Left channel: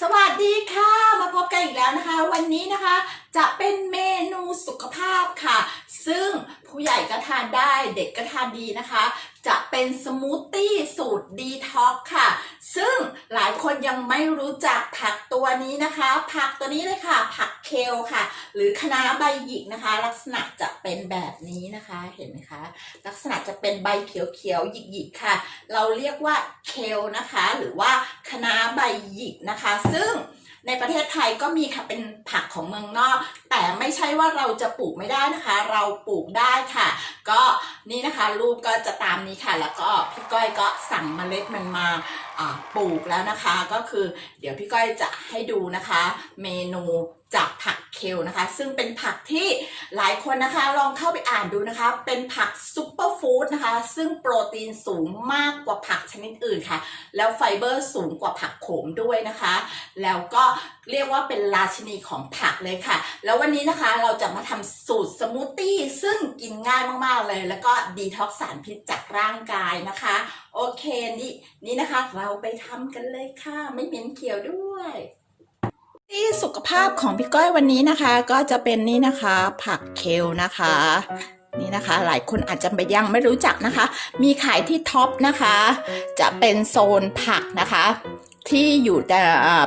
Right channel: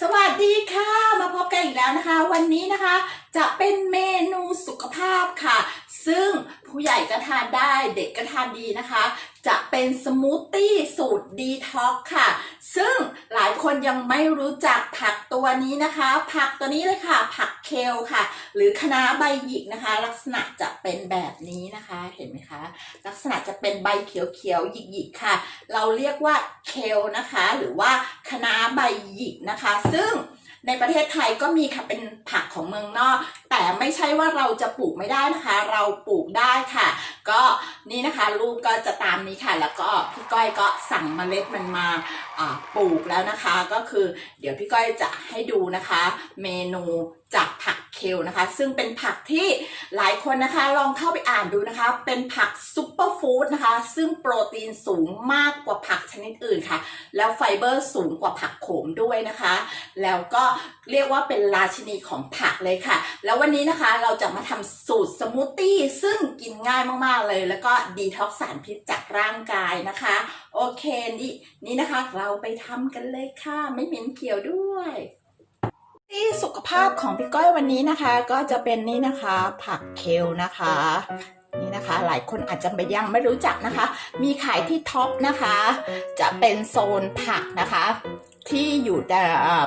สวัสดีค่ะ มาพบกันอีกแล้วนะคะ วันนี้นะคะ จะเป็นเมนูสุขภาพค่ะ ซึ่งผู้ใหญ่ก็ทานได้เด็กก็ทานดีนะคะ จะเป็นสมูทตี้สูตรดีท็อกค่ะ ซึ่งหลายคนยังไม่รู้จักผักตัวนี้นะคะ ผักตัวนี้เลยค่ะ ผักเคลค่ะ หรือคะน้าใบหยิกนะคะ ลักษณะจะเป็นแบบนี้นะคะเห็นไหมคะ ลักษณะจะเป็นใบเขียวๆหยิกๆค่ะ เราเรียกว่าเคลนะคะ หรือว่าคะน้าใบหยิกนะคะ ซึ่ง ในประเทศไทยก็มีค่ะเป็นผักของเมืองนอก แต่ไม่ใช่ว่าเราจะปลูกไม่ได้นะคะ เราปลูกได้ค่ะ ก็นี่นะคะรูปก็จะตามนี้ค่ะ แล้วก็พี่ก้อยก็สั่งเมล็ดมันมาอ่าปลูกแล้วนะคะ ก็คือเดี๋ยวพี่ก้อยจะให้ดูนะคะ เมนูจากผักเคลนะคะ ซึ่งเป็นผักที่หลายคนนะคะลองเข้าไปอ่านดูนะคะ เป็นผักซุปเปอร์ฟู้ดนะคะ ซึ่งโปรตีนสูงมากกว่าผักชนิดอื่นค่ะ แล้วไฟเบอร์สูงกว่าผักโขมด้วยนะคะ แล้วก็เรียกว่าเป็นราชินีของผักเลยค่ะ แล้ววันนี้นะคะเราจะมาทำสูตรสมูทตี้ซึ่งกินง่ายมากๆเลย แล้วก็ดีท็อกซ์สารพิษจากร่างกายนะคะ โอเคนี่นี่นะคะ เราไปทำกันเลยค่ะ ไม่เหม็นเขียวด้วยที่สุขภาพของพี่ก้อยวันนี้นะคะ ก็จะเป็นนี่นะคะ ผักเคลนะคะ นี่นะคะ หลายคนอาจจะไปยังไม่รู้จักนะคะ มีขายที่ท็อปนะคะ จะเป็นโซนผักนะคะ ที่อยู่แต่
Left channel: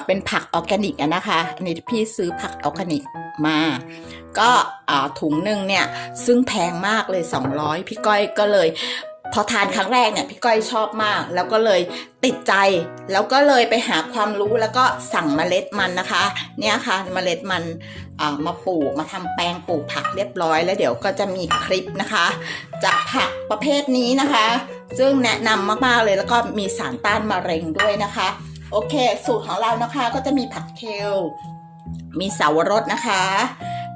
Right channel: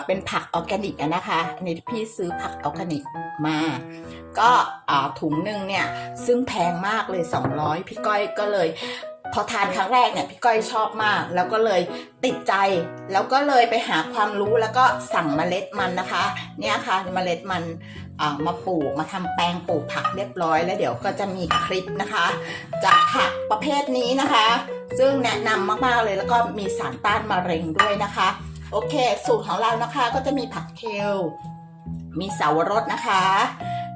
เป็นผักออร์แกนิกนะคะอันนี้พี่ซื้อผักออร์แกนิกมา ก็ถุงหนึ่งเนี่ยซึ่งแพงมากเลย 200 พี่ก้อยก็เลยพอทานครั้งแรกเนี่ยพี่ก้อยชอบมาก แล้วก็เลยติดใจ แล้วก็เลยไปหาความรู้แล้วก็สั่งเมล็ดมันนะคะ เนี่ยค่ะเมล็ดมันามาปลูกมาทำแปลงปลูกผักเรียบร้อย แล้วเดี๋ยวก็จะมีคลิปนะคะ จากผักประเภทนี้นะคะ ซึ่งแนะนำมากๆเลยแล้วก็มีสารต้านมะเร็งด้วยนะคะ โอเค สูตรของเรานะคะก็จะมีผักเคลมีเสาวรสนะคะ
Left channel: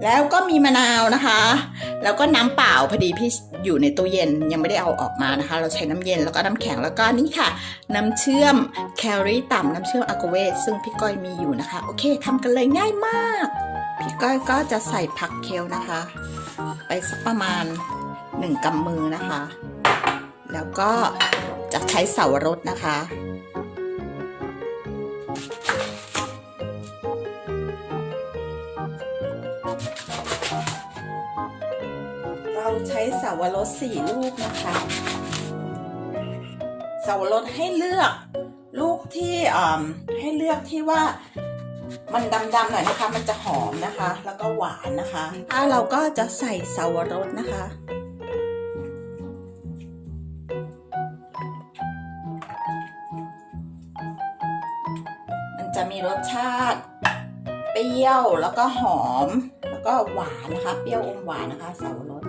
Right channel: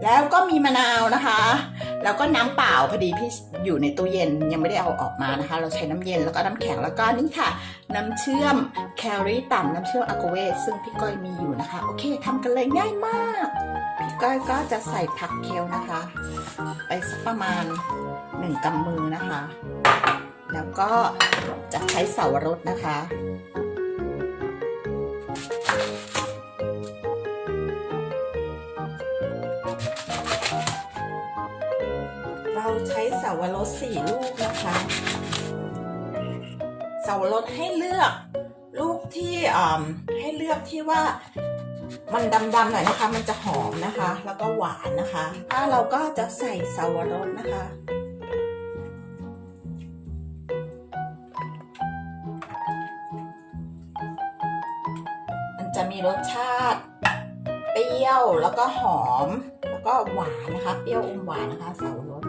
แล้วก็มีมะนาวนะคะ แล้วก็น้ำเปล่าพอดีพี่อยู่ในตู้เย็นยังไม่ได้เอาออกมานะคะ เราใช้น้ำเย็นแล้วก็น้ำแข็งแล้วก็นี่ค่ะ น้ำเชื่อมแคลอรี่ต่ำน้ำเชื่อมอะโกเวซึ่งพี่ก้อยมีอยู่นะคะ โอเคทำกันเลยง่ายมาก พี่ก้อยก็จะใส่ผักเคลนะคะ ไปสักประมาณหนึ่งกำมือนะคะ แล้วก็จะใช้เสาวรสนะคะ เราใช้เสาวรสสี่ลูกนะคะเสาวรสให้เลือก ลูกที่อ่ให้เลือกที่ว่ามันดำๆหน่อยนะคะ มันจะหอมนะคะ แล้วก็หวานนะคะ ถ้าเราก็จะใส่เสาวรสนะคะ จะมีรสชาติ เปรี้ยวแล้วก็หอม แล้วก็หวานนะคะ เปรี้ยวอมหวานนะคะเสาวรส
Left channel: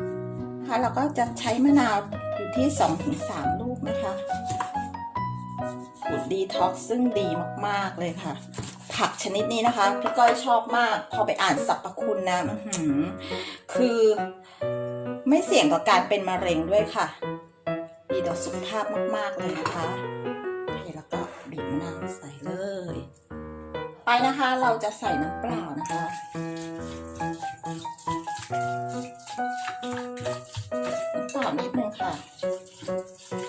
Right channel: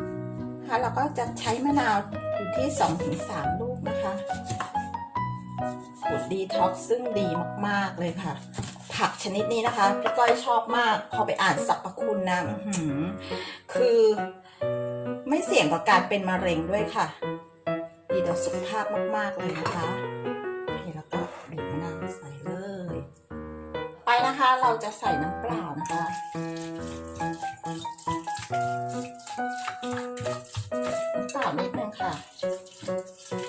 นะคะเราก็จะใช้มะนาวอยู่ที่2-3ลูกนะคะสูตรดีท็อกซ์ซึ่งดีมาก ๆ เลยค่ะ ผักชนิดนี้นะคะ พี่ก้อยชอบมาก พอไปอ่านสรรพคุณนะคือไม่เสี่ยงต่อการเป็นมะเร็งด้วยค่ะ ดีต่อสุขภาพมาก ๆ เลยนะคะ ไปนะคะเราจะใส่น้ำเปล่านะคะ น้ำเปล่านิดนึงค่ะ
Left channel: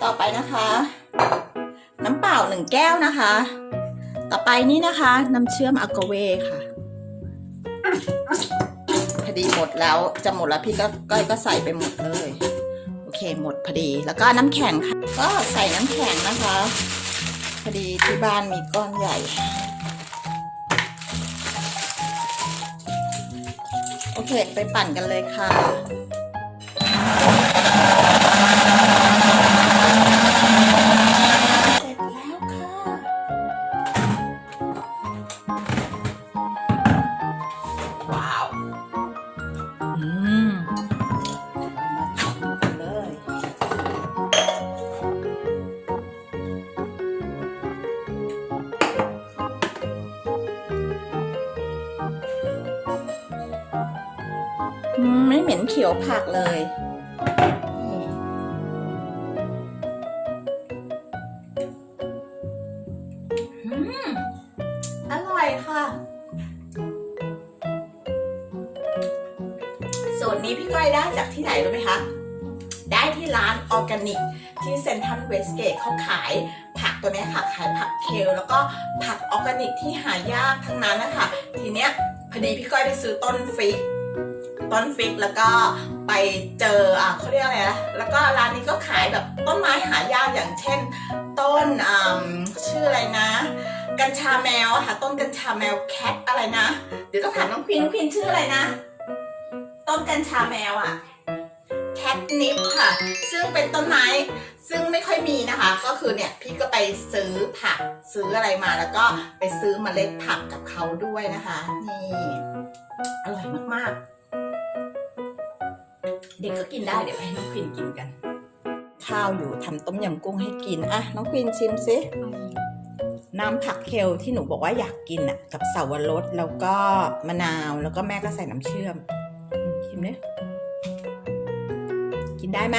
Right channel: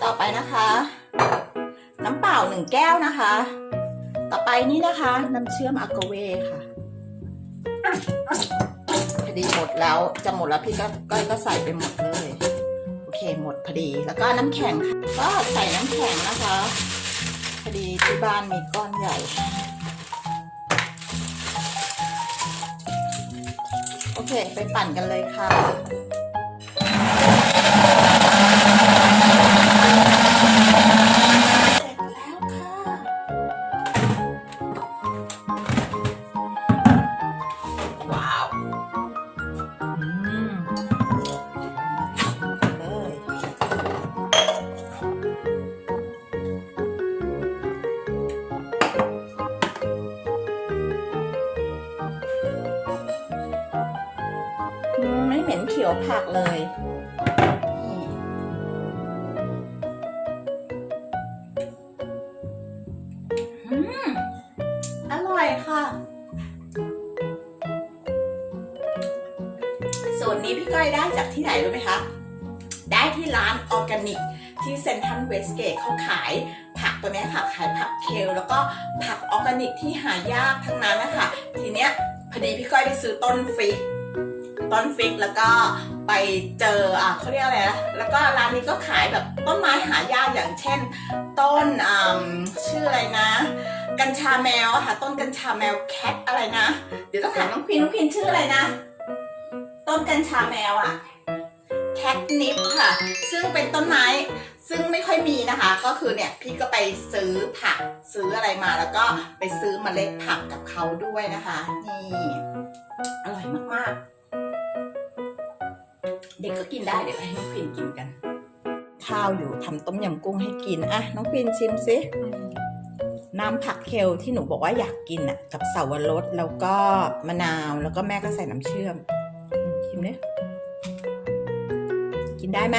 ต่อไปนะคะ น้ำเปล่าหนึ่งแก้วนะคะ ต่อไปนี่นะคะน้ำเชื่อมอะโกเวค่ะพอดีหมดแล้วจะหมดแล้วพี่ก็ก้อยก็ใส่ไปหมดเลย โอเคหมดพอดีแล้วก็น้ำแข็งค่ะ ก็ใส่น้ำแข็งนะคะ พอดีที่บ้านมีก้อนใหญ่ เห็ดไปปั่นกันเลยค่ะ ยวผักเลยอร่อยค่ะ ส่วนนี้พี่ก้อยได้จากที่ไหนรู้ไหมคะ ได้ที่ร้านออร์แกนิก ที่เซนทรัลเวสเกตเขาขายผักตัวนี้ค่ะ ขายผักเคล แล้วก็ผักออร์แกนิกที่หายากทั้งนั้นนะคะ ทีเนี้ยพอดีพี่ก้อยไปซื้อต้นฟิก ต้นฟิกแล้วก็ไปเจออะเขาเรียกอะไรนะแล้วก็ร้านนี้ก็ขายแบบต้นไม้หายากอย่างเช่น ต้นอ่าชื่ออะไรนะ กัญชาแมวอะค่ะต้นกัญชาแมวแคทอะไรนะ เดี๋ยวต้องถามน้องควีนน้องควีนชื่ออะไรนะ ต้นกัญชาแมวอะแคทนิปค่ะ ซึ่งเป็นต้นไม้ซึ่งไม่ค่อยมีนะคะ ก็คือเนี่ยพี่ก็ไปซื้อผักซื้ออะไรมาแล้วก็ไปซื้อเมล็ดผักกับเขาด้วยนะคะ นี่ อร่อยมากๆ เด็กก็กินได้เดี๋ยวให้น้องควินกินกัน ข้าวอยู่ทำต้มยำกุ้งให้กินอะน้องควินชิมสิน้ำผักเคลที่หนูบอกว่าอยากกินอะ กับเสาวรสแล้วก็มะนาวแล้วก็แม่ก็ใส่น้ำเชื่อมอืมชิมดิกินได้ไหม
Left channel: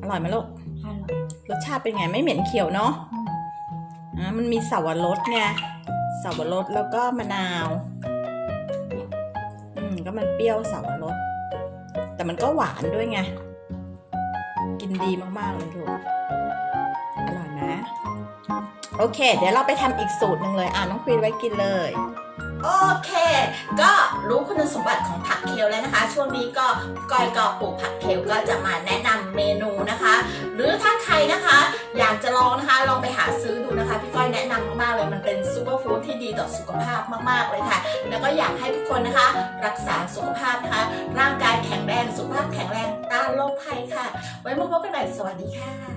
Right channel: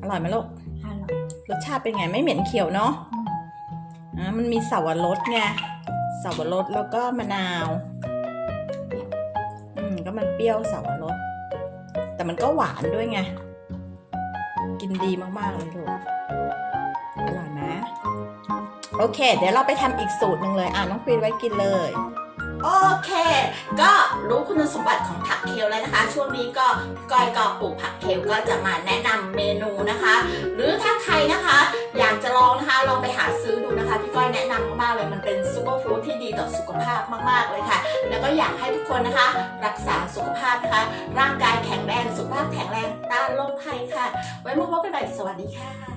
อร่อยไหมลูกฮัลโหลรสชาติเป็นไงไม่เหม็นเขียวเนาะอ่ามันมีเสาวรสไงเสาวรสแล้วก็มะนาว อืมก็มันเปรี้ยวเสาวรส แต่มันก็หวานด้วยไง กินดีมาก ๆ เลยลูกอร่อยไหมโอเค เดี๋ยวเราไปทำอีกสูตรหนึ่งเลย อ่าน้องควีนไว้กินเลย โอเค ก็รู้คุณสมบัติของผักเคลแล้วนะคะ ช่วงนี้ก็ก้อยก็ปลูกผักเคลก็จะมาแนะนำเมนูนะคะ หรือถ้าใครนะคะ อยากจะลองนะคะ ลองไปหาซื้อดูนะคะ พี่ก้อยแนะนำ ต่อสุขภาพมาก ๆ เลยค่ะ แล้วก็อยากให้ทุกคนนะคะ รักษาสุขภาพนะคะ ร่างกายแข็งแรง สุขภาพแข็งแรงต้านโรคภัยค่ะ ไว้มาพบกันใหม่สวัสดีค่ะ